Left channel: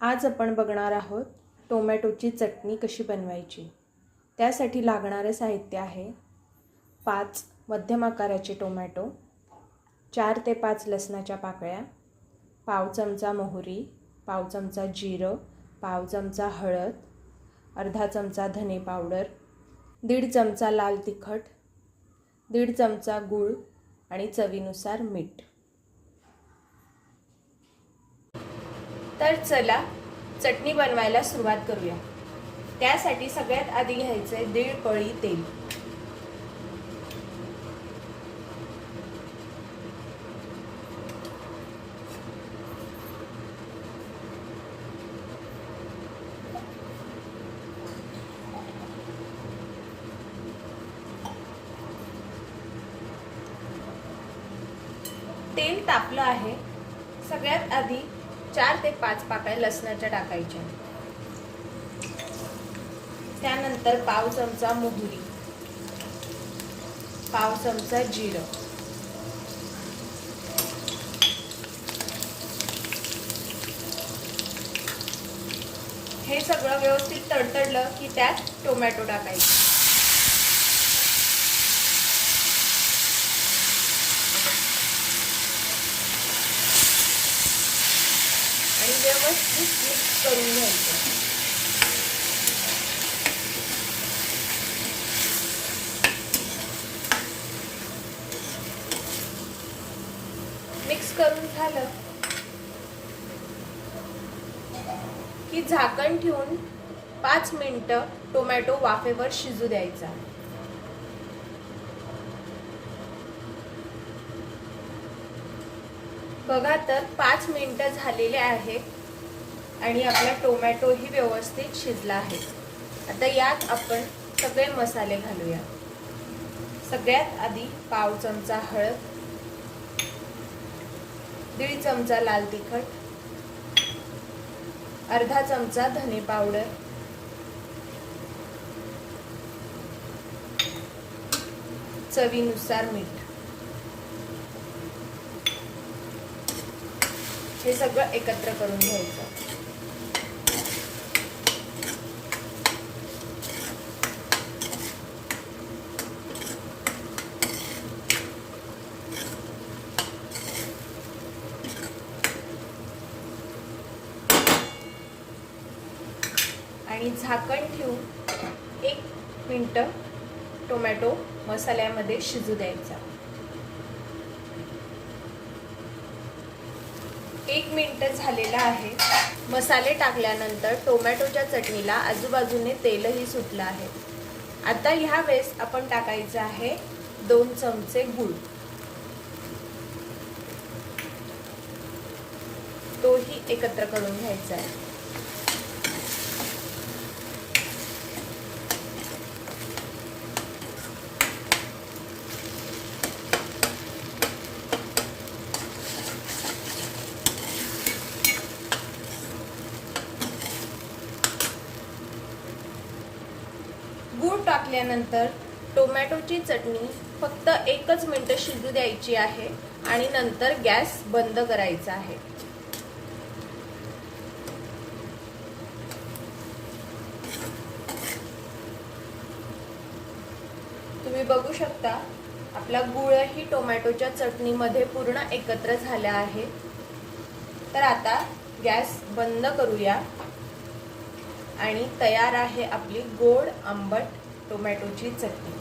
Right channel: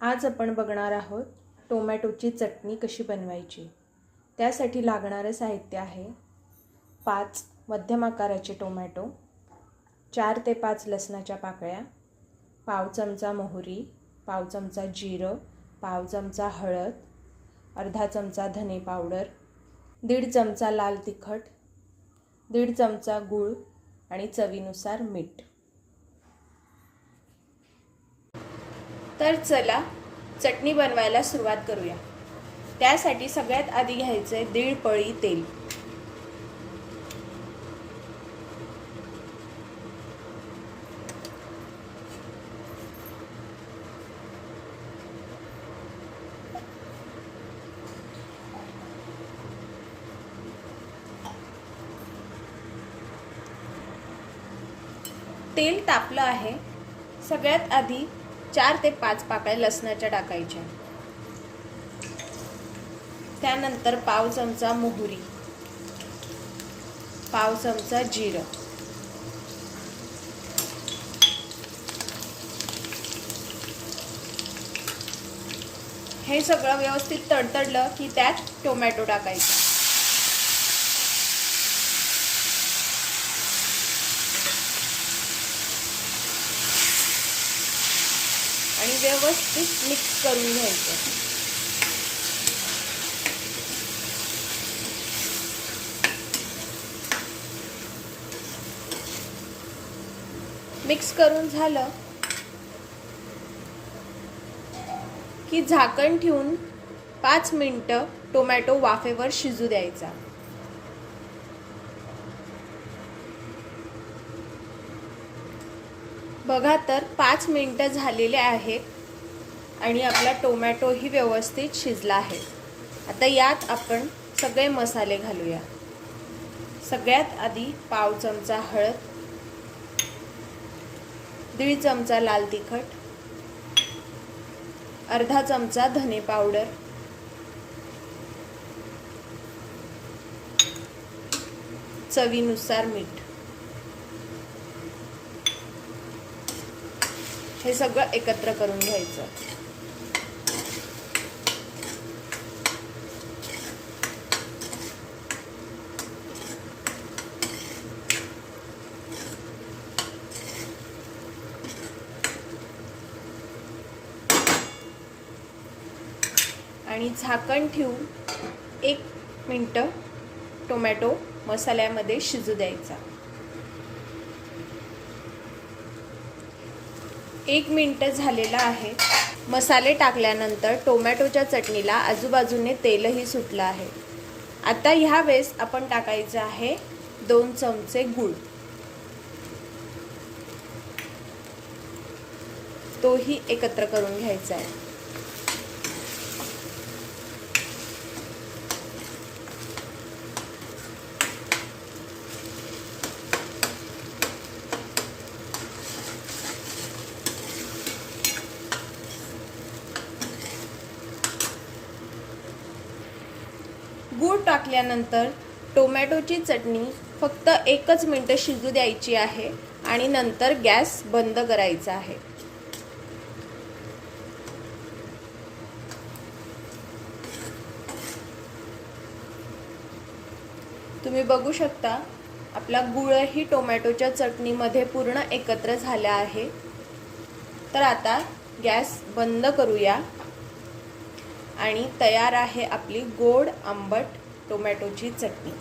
आज आपण बघणार आहोत टोमॅटोची चटणी कशी बनवायची. त्यासाठी लागणारं साहित्य आहे पाच मध्यम आकाराचे टोमॅटो चार ते पाच लसणाच्या पाकळ्या पाव चमचा मोहरी पाव चमचा जिरं पाव चमचा हळद अर्धा चमचा धने पावडर दीड चमचा लाल तिखट दीड चमचा गूळ आणि चवीनुसार मीठ. तर चला चटणी बनवायला सुरुवात करूया. त्यासाठी सगळ्यात आधी घ्यायचं आहे दीड पळी तेल. तेल तापलं आहे. सगळ्यात आधी चार ते पाच पाकळ्या लसणाच्या टाकायच्या. त्यानंतर पाव चमचा मोहरी. पाव चमचा जिरं. हे सगळं व्यवस्थित तडतडलं की त्यात टोमॅटो टाकायचे. आणि व्यवस्थित मिक्स करून घ्यायचं. मिक्स करून झालं की झाकण ठेवून पाच मिनटं टोमॅटो वाफेवर शिजू द्यायचा. बघा तर पाच मिनटं झालेले आहेत आणि आपला टोमॅटोही व्यवस्थित शिजला आहे. आता यात आपण सगळे मसाले घालूया. सगळ्यात आधी पाव चमचा हळद दीड चमचा लाल तिखट अर्धा चमचा धने पावडर चवीनुसार मीठ. हे सगळं एकत्र करून घ्यायचं. आणि झाकण ठेवून एक मिनटं टोमॅटो मसाल्यामध्ये शिजू द्यायचा. एक मिनटं झालेलं आहे. मसाले टाकल्यानंतर टोमॅटोच्या चटणीला आजूबाजूने तेलही सुटलं आहे. आता ह्या वेळेस आपण टाकायचं आहे दोन चमचे गूळ. तोही एकत्र करून घ्यायचा आहे. गूळ टाकल्यानंतर टोमॅटोची चटणी फक्त एकच मिनटं शिजू द्यायची आहे आणि नंतर गॅस बंद करायचा आहे. तुम्ही बघू शकता आपला गुळही टोमॅटोच्या चटणीमध्ये पूर्ण एकत्र झाला आहे. तर आता गॅस बंद करूया. आणि तयार आहे आपली गोड आंबट टोमॅटोची चटणी.